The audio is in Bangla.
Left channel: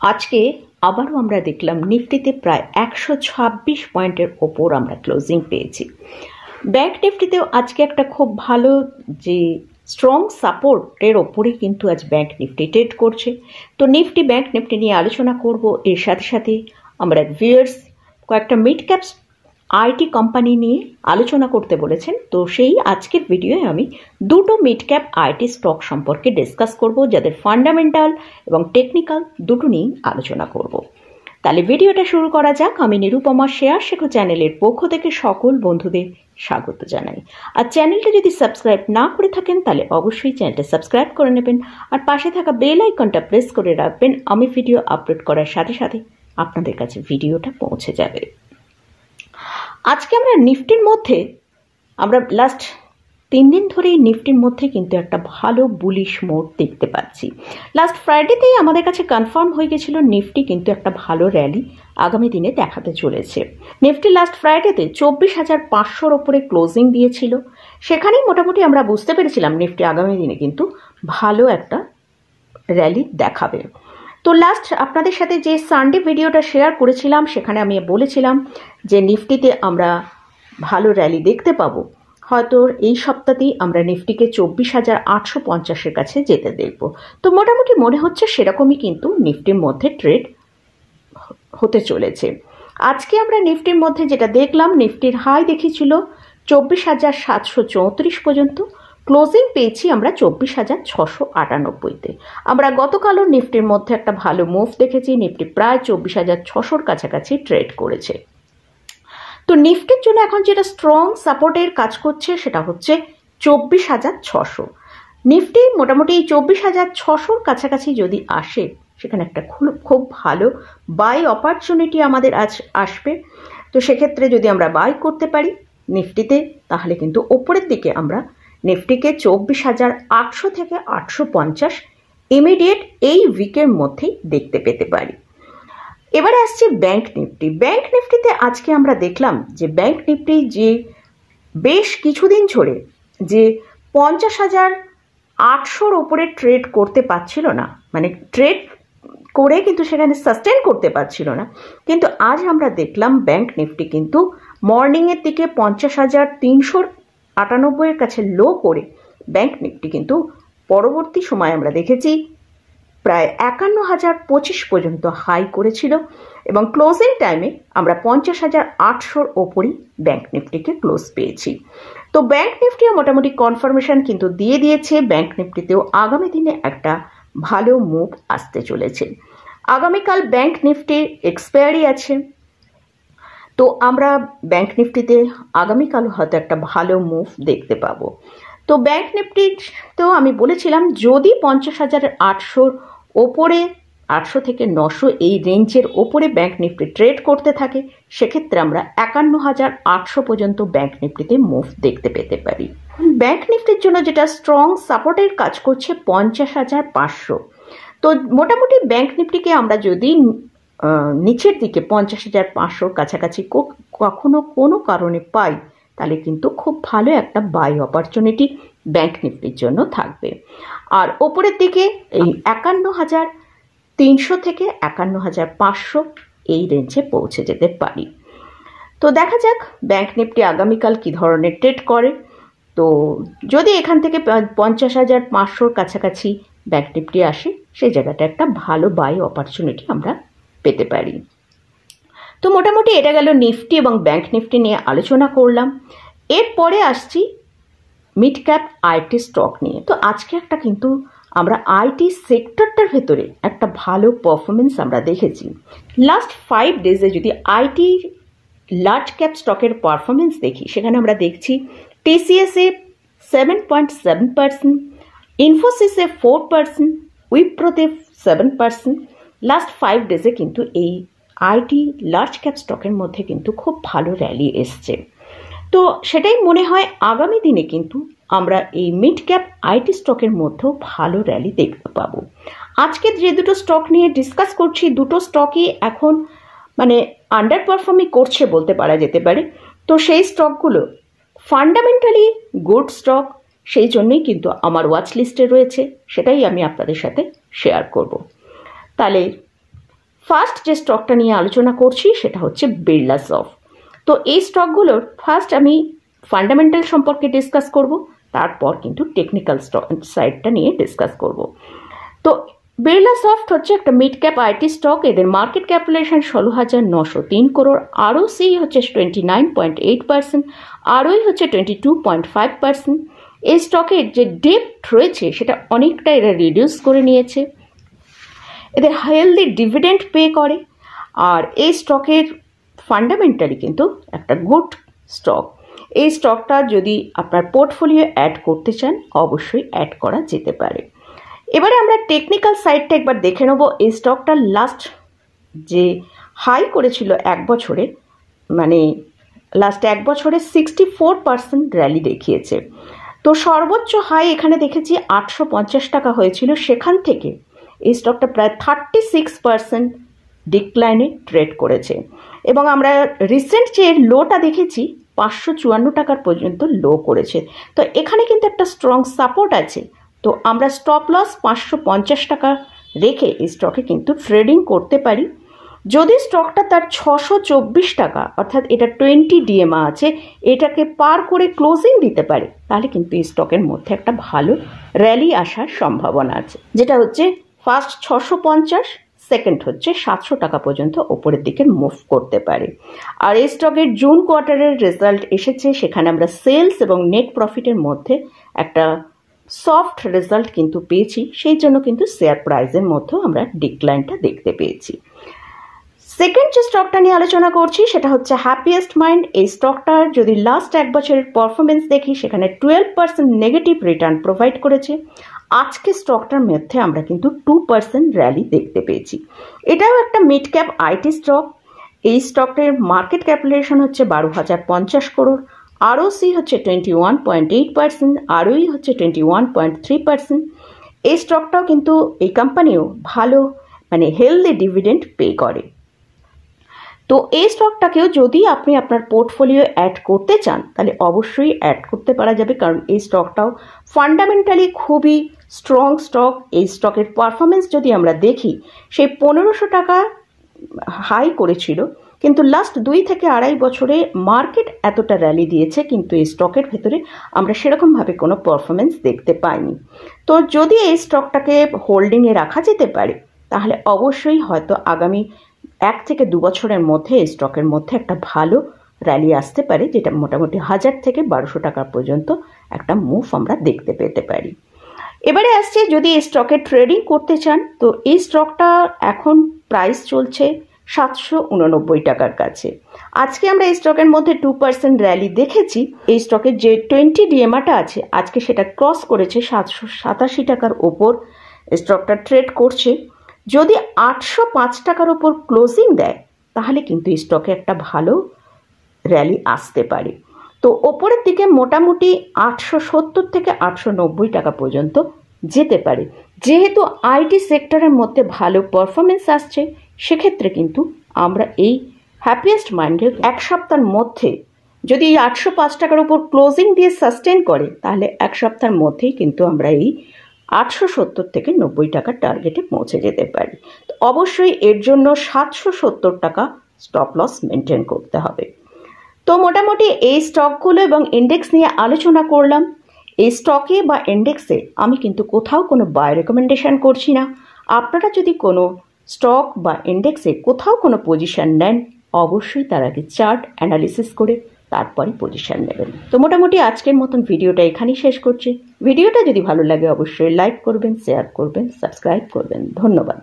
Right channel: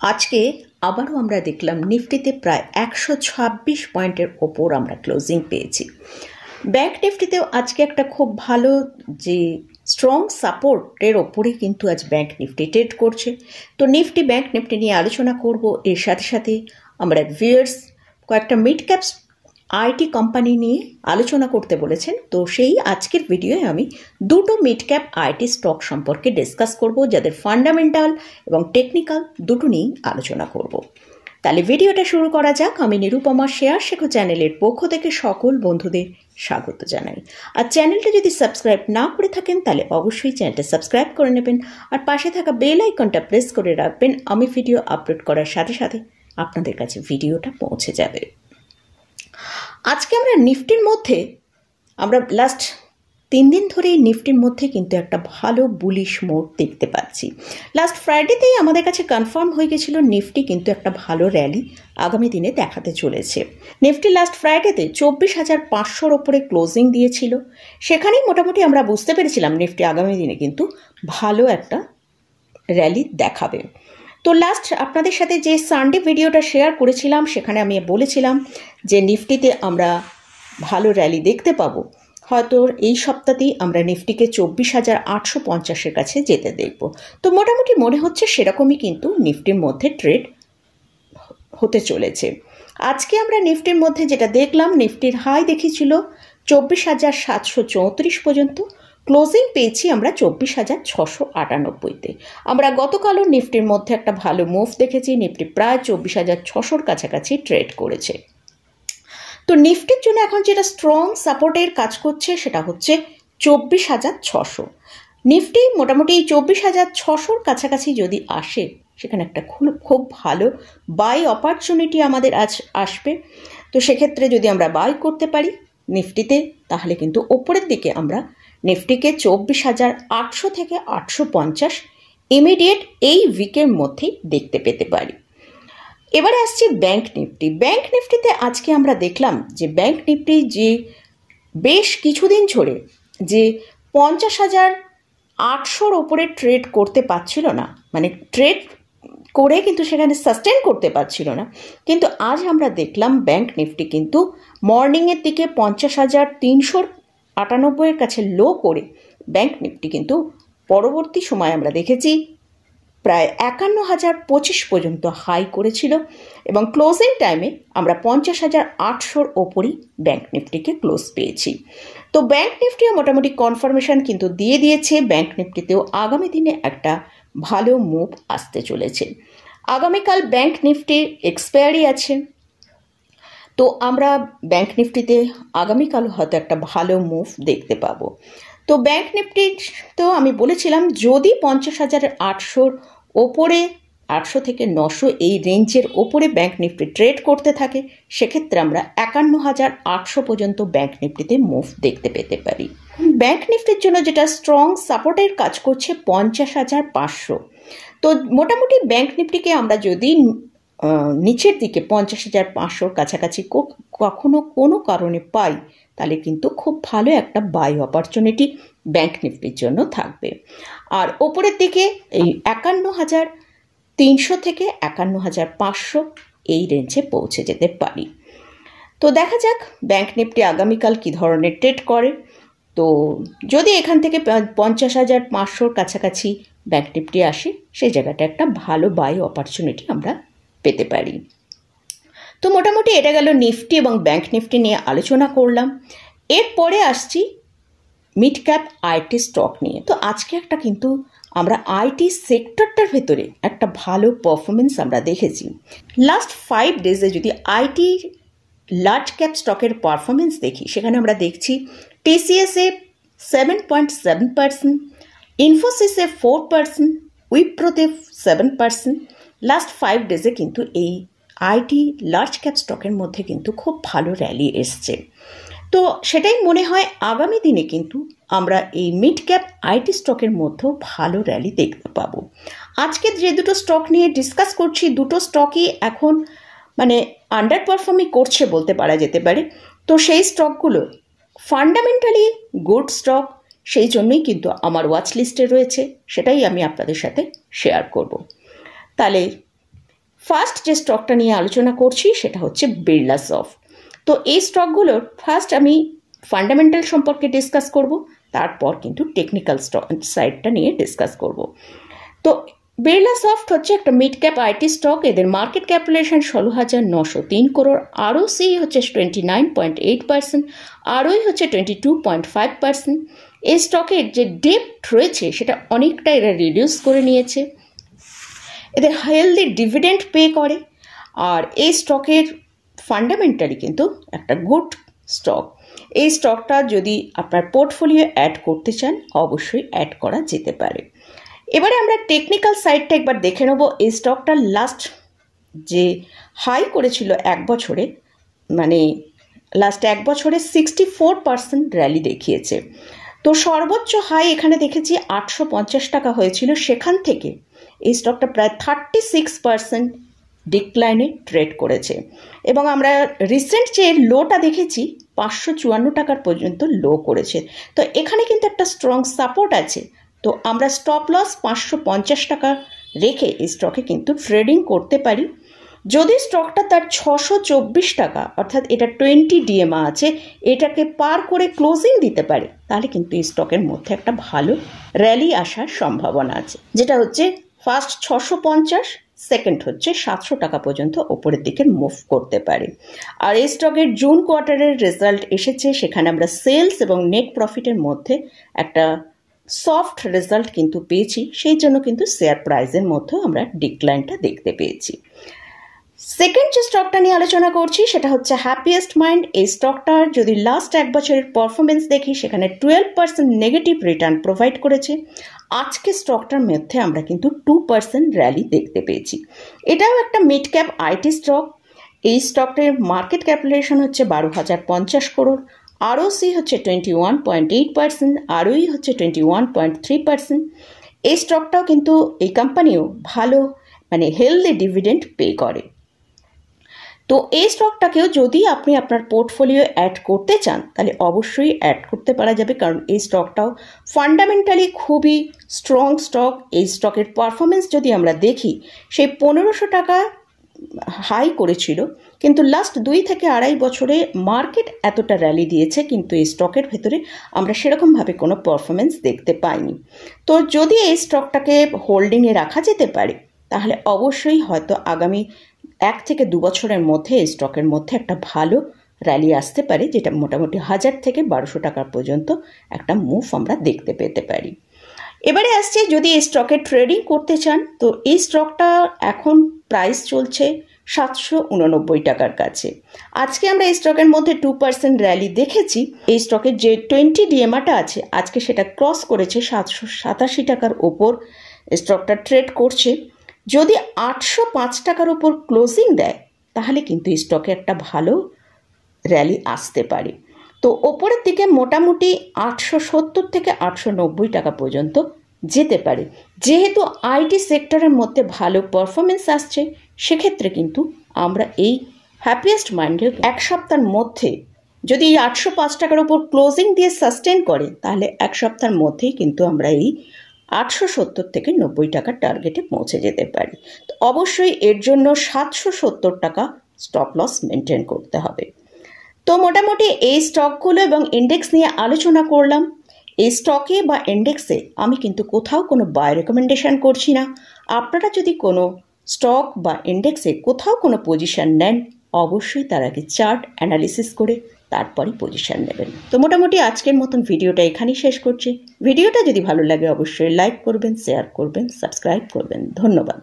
আজকে আবারও আমরা দেখলাম নিফটিতে প্রায় 126 পয়েন্টের ওপর আমরা ক্লোজিং পেয়েছি। ব্যাংক নিফটিতেও আজকে একটা খুব ভালো যে স্ট্রং সাপোর্টের ওপরেই কিন্তু আজ ব্যাংক নিফটি ট্রেড করছে। তো নিফটি ব্যাংক নিফটি নিয়ে আলোচনা করব। এর সাথে সাথে আমরা ভিউয়ার্স কয়েকটা মিড ক্যাপস আইটি কোম্পানি নিয়ে আলোচনা করতে বলেছেন। তো সেই আজকের ভিডিওয়ে আমি দুটো মিড ক্যাপ আইটি স্টক সম্পর্কে ডিসকাস করব, যাদের ফান্ডামেন্টাল এবং টেকনিক্যাল দুটো নিয়েই আলোচনা করব। তাহলে ভিডিওটা শুরু করা যাক। আমি নিরুপমা শেয়ার শেখো চ্যানেলের পক্ষ থেকে সকল বন্ধুদের স্বাগত জানাই। আর চ্যানেলটা যদি সাবস্ক্রাইব না করে থাকেন তাহলে অবশ্যই চ্যানেলটা সাবস্ক্রাইব করে নেবেন, আর পাশে থাকা বেল আইকনটা প্রেস করে রাখবেন। আমি ভিডিও আপলোড করার সাথে সাথে আপনাদের কাছে ভিডিওটা পৌঁছে যাবে। আজকে আমরা নিফটির মধ্যে লাস্ট 3 দিন ধরেই নিফটির মধ্যে কিন্তু একটা ভালো বুলিশ মোড দেখতে পাচ্ছি। লাস্ট ফ্রাইডেতেই আমাদের কাছে কনফার্ম হয়ে গেছিল নিফটি কিন্তু একটা ভালো র্যালি আগামী দিনে দেখাতে চলেছে। নিফটি লাস্ট ফ্রাইডেতে 24,500 ওপরে ক্লোজিং দিয়েছিল। সেখানেই মোটামুটি আমরা বুঝতে পেরেছিলাম নিফটি আগামী দিনে কিন্তু ভালো একটা র্যালি দেখাবে। তো লাস্ট আপনাদের সাথে যে সানডে ভিডিওটা শেয়ার করেছিলাম সেখানে আমি বলেছিলাম যে নিফটিতে আমরা ভালো র্যালি দেখতে পাবো। হয়তো এই সপ্তাহতেই আমরা নিফটিকে 24,850-এর কাছে যেতে দেখব। তো মোটামুটি মনে হচ্ছে সেরকমই কিন্তু নিফটির মধ্যে ট্রেড হতে চলেছে। আজকে আমরা নিফটির মধ্যে যেটা দেখলাম, নিফটির হাই দেখিয়েছিল 24,734 পর্যন্ত, ক্লোজিং পেয়েছি আমরা 24,698-তে। আমরা গতকালও নিফটির মধ্যে একটা ভালো মুভ দেখেছি। নিফটি প্রায় 24,600-র কাছাকাছি ট্রেড করেছে। তো নিফটির জন্য এখন যেটা স্ট্রং সাপোর্টের কাজ করছে সেটা হচ্ছে 24,600। নিফটি মোটামুটি 24,600-র কাছাকাছি যদি আসে, সেখানে একটা খুব ভালো বাই অপরচুনিটি আমাদের আজ আসবে। তো সেক্ষেত্রে যদি আমরা বাই করতে পারি নিফটিতে, তাহলে কিন্তু ওপরের দিকে আমরা নিফটিকে 24,800 থেকে 850 ইমিডিয়েট এই উইকের মধ্যেই দেখতে পেতে পারি। এবারে আসছি ব্যাংক নিফটি। ব্যাংক নিফটিতে আজকে আমরা দেখলাম যে ব্যাংক নিফটি যে বেশ কিছুদিন ধরে যে 50,800-র ওপরে ট্রেড করতে পারছিল না, মানে ট্রেড করে কিন্তু সেখানে সাস্টেন করতে পারছিল না, কিন্তু আজ আমরা দেখলাম ব্যাংক নিফটি কিন্তু মর্নিংয়ের দিকে 50,398-এর কাছে লো করে ব্যাংক নিফটি কিন্তু পরবর্তী সময় আমরা দেখেছি প্রায় 51,025 পর্যন্ত হাই করেছিল, এবং ক্লোজিং টাইমে আমরা 50,800-র ওপরই ব্যাংক নিফটিকে ক্লোজ পেয়েছি। তো ব্যাংক নিফটিও মোটামুটি কনফার্মেশন কিন্তু দিয়ে দিয়েছে। ব্যাংক নিফটিতেও আগামী দিনে একটা ভালো মুভ আসতে চলেছে। আগামীকাল ব্যাংক নিফটির এক্সপায়ারি আছে, তো আমরা ব্যাংক নিফটিতে আগামীকাল হয়তো একটা ভালো মুভ দেখতে পাবো। তো ব্যাংক নিফটিতেও আমি বলেছিলাম যদি 50,800-র ওপরে 800 থেকে 900 এই রেঞ্জের ওপরে ব্যাংক নিফটি ট্রেড করতে থাকে, সেক্ষেত্রে আমরা 51,800 পর্যন্ত ব্যাংক নিফটিতে মুভ দেখতে পেতে পারি। ব্যাংক নিফটির জন্য যেটা স্ট্রং সাপোর্টের কাজ করছে 50,500। তো মোটামুটি ব্যাংক নিফটিকে আমরা যদি নিচের দিকে 50,500-র কাছাকাছি কখনো কোনো কারণে পাই, তাহলে কিন্তু খুব ভালো একটা বাই অপরচুনিটি ব্যাংক নিফটির জন্য থাকবে। আর ওপরের দিকে এই 51,300 থেকে 51,500 এই রেঞ্জে পৌঁছে যেতে পারি। তো দেখা যাক ব্যাংক নিফটি আগামীকাল কী ধরনের ট্রেড করে। তো যদি এখান থেকে 50,500-র কাছাকাছি ব্যাংক নিফটি আসে, সেই জায়গাটা একটা ভালো বাই অপরচুনিটি আমরা পেতে পারি। তো মোটামুটি এটা গেল নিফটি এবং ব্যাংক নিফটি নিয়ে আলোচনা করলাম। এরপরে আসছি মিড ক্যাপ আইটি স্টক নিয়ে। তো আজকে একটা কিন্তু আমরা আইটি সেক্টরটার ভেতরে একটা ভালো পারফরমেন্স আমরা দেখেছি। লাস্ট 5 ডেজে যদি আইটি লার্জ ক্যাপ স্টকের পারফরমেন্স দেখি, সেখানে আমরা দেখছি টিসিএসে 7.7%, ইনফোসিসে 4%, উইপ্রোতে 7%। লাস্ট 5 ডেজে কিন্তু এই আইটি লার্জ ক্যাপ স্টকের মধ্যে কিন্তু খুব ভালো র্যালি এসছে। তো সেটাই মনে হয় আগামী দিনে কিন্তু আমরা এই মিড ক্যাপ আইটি স্টকের মধ্যেও ভালো র্যালি দেখতে পাবো। আজকে যে দুটো স্টক নিয়ে ডিসকাস করছি, দুটো স্টকই এখন মানে আন্ডার পারফর্মই করছে বলতে পারা যেতে পারে। তো সেই স্টকগুলো ফান্ডামেন্টালি গুড স্টক, সেই জন্যই কিন্তু আমার ওয়াচ লিস্টে রয়েছে, সেটাই আমি আপনাদের সাথে শেয়ার করব। তাহলে ফার্স্ট যে স্টকটা নিয়ে আলোচনা করছি সেটা হচ্ছে বিড়লাসফট। তো এই স্টকগুলোর ফার্স্ট আমি ফান্ডামেন্টাল সম্পর্কে ডিসকাস করব, তারপর কিন্তু টেকনিক্যাল সাইডটা নিয়ে ডিসকাস করব। তো বিড়লাসফট হচ্ছে একটা মিড ক্যাপ আইটি স্টক। এদের মার্কেট ক্যাপিটালাইজেশন 16,903 করোড়, আরওসি হচ্ছে 29.8%, আরওই হচ্ছে 22.5%। এই স্টকের যে ডেপ্ট রয়েছে সেটা অনেকটা এরা রিডিউস করে নিয়েছে। এদের হেলদি ডিভিডেন্ড পে করে, আর এই স্টকের ফান্ডামেন্টালি কিন্তু একটা গুড স্টক। এই স্টকটা যদি আপনার পোর্টফোলিও অ্যাড করতে চান অবশ্যই অ্যাড করা যেতে পারে। এবারে আমরা টেকনিক্যাল সাইডটা একবার দেখে নেব। এই স্টকটার লাস্ট যে হাই করেছিল এক বছরে, মানে লাস্ট এক বছরে 64% র্যালি দেখিয়েছে। তো সর্বোচ্চ হাই এখানে দেখেছি 850 টাকা হয়েছিল, সেখান থেকে এই স্টকটা প্রায় 36% ডিক্লাইনে ট্রেড করেছে। এবং আমরা রিসেন্ট যে লোটা দেখেছি 554 টাকার পর্যন্ত লো করেছে। তো এখানে কিন্তু একটা স্ট্রং সাপোর্ট আছে। তো আমরা স্টপ লস 550 টাকা রেখে এই স্টকে কিন্তু ট্রেডিং করতে পারি। যদি স্টকটা তার 624 টাকা অর্থাৎ এটা 20 ডিএমএ আছে, এটাকে পার করে ক্লোজিং দিতে পারে, তাহলে কিন্তু এই স্টকের মধ্যে একটা ভালো র্যালি আসার সম্ভাবনা আছে, যেটা হচ্ছে ফার্স্ট 650, সেকেন্ড হচ্ছে 700 টাকা পর্যন্ত ওপরের দিকে মুভ করতে পারে। আর এই স্টকের জুন কোয়ার্টারের রেজাল্ট এসেছে, সেখানে আমরা সেলস এবং নেট প্রফিটের মধ্যে একটা সফট রেজাল্ট কিন্তু পেয়েছি, সেই জন্য কিন্তু শেয়ার প্রাইসের মধ্যেও আমরা ডিক্লাইনটা দেখতে পেয়েছি। সেকেন্ড যে স্টকটা নিয়ে আলোচনা করছি সেটা হচ্ছে হ্যাপিয়েস্ট মাইন্ড। এই স্টকটার যদি লাস্ট এক বছরের পারফরমেন্স দেখি সেখানে 12% নেগেটিভ রিটার্ন প্রোভাইড করেছে। আজকে স্টকটার মধ্যে আমরা কিন্তু 2% র্যালি দেখতে পেয়েছি। এটাও একটা মিড ক্যাপ আইটি স্টক। এই স্টকটার মার্কেট ক্যাপিটালাইজেশন হচ্ছে 12,050 করোড়, আরওসি হচ্ছে 21.8%, আরওই হচ্ছে 21.3%। এই স্টকটাও কিন্তু এই কোম্পানিও ভালো মানে হেলদি ডিভিডেন্ড পে করে। তো এই স্টকটাকেও যদি আপনি আপনার পোর্টফোলিও অ্যাড করতে চান তাহলে অবশ্যই অ্যাড করতে পারা যাবে, কারণ এই স্টকটাও ফান্ডামেন্টালি খুবই স্ট্রং স্টক। এই স্টকের পারফরমেন্স যদি আমরা দেখি, সেই 1500 টাকা হাই করেছিল, কিন্তু লাস্ট 2 থেকে আড়াই বছরে মার্কেট এতটা র্যালি দিয়েছে, কিন্তু এই স্টকের ভেতরে আমরা সেরকমভাবে কোনো পারফরমেন্স দেখতে পাইনি। তো যদি এই স্টকটাকে হোল্ডিংয়ে রাখা যেতে পারে তাহলে অবশ্যই হয়তো আগামী 1 থেকে 2 বছরের মধ্যে এই স্টকের মধ্যে একটা ভালো র্যালি আসতে পারে, যেটা মোটামুটি 1000 থেকে 1200 টাকা পর্যন্ত একটা মুভ আমরা দেখতে পেতে পারি। এবারে আসছে যদি এই স্টকে ট্রেডিং করতে চান, তো এই স্টকটা এখন প্রাইস চলছে 789 টাকার কাছে। আজকে আমরা এই স্টকের মধ্যে 2% র্যালি দেখেছি। এই স্টকের যে 20 ডিএমএটা আছে আজকে সেটা ক্রস করেছে 787 টাকার ওপর স্টকটা ট্রেড করছে। যদি 805 টাকার ওপর ক্লোজিং দেয় তাহলে কিন্তু এই স্টকে একটা ভালো র্যালি আসতে পারে। তো ওপরের দিকে মোটামুটি 870 থেকে 890 টাকা পর্যন্ত যেতে পারে। যেহেতু আইটি সেক্টরের মধ্যে ভালো পারফরমেন্স আসছে, সেক্ষেত্রে কিন্তু আমরা এই হ্যাপিয়েস্ট মাইন্ডের এক সপ্তাহের মধ্যে যদি এই 805 টাকার ওপর ক্লোজিং দিয়ে সাস্টেন করে, তাহলে এক সপ্তাহের মধ্যেই কিন্তু আমরা এই 870 থেকে 90 টাকার টার্গেটে পৌঁছে যেতে পারি। তো অবশ্যই এর জন্য 770 টাকা স্টপ লস মেনটেন করতে হবে। তো মোটামুটি এই স্টকগুলো এবং ইন্ডেক্স নিয়ে আলোচনা করলাম। এই স্টকে বা ইন্ডেক্সে আমি কিন্তু কোথাও কোনো বাই রেকমেন্ডেশন করছি না। আপনারা যদি কোনো স্টক বা ইন্ডেক্সে কোথাও কোনো পজিশন নেন, অবশ্যই তার আগে চার্ট অ্যানালিসিস করে তারপরে পজিশন নেবেন। তো মোটামুটি আজকের মতন ভিডিওটা এখানেই শেষ করছি। ভিডিওটা যদি ভালো লাগে অবশ্যই লাইক করবেন, শেয়ার করবেন, সাবস্ক্রাইব করবেন। ধন্যবাদ।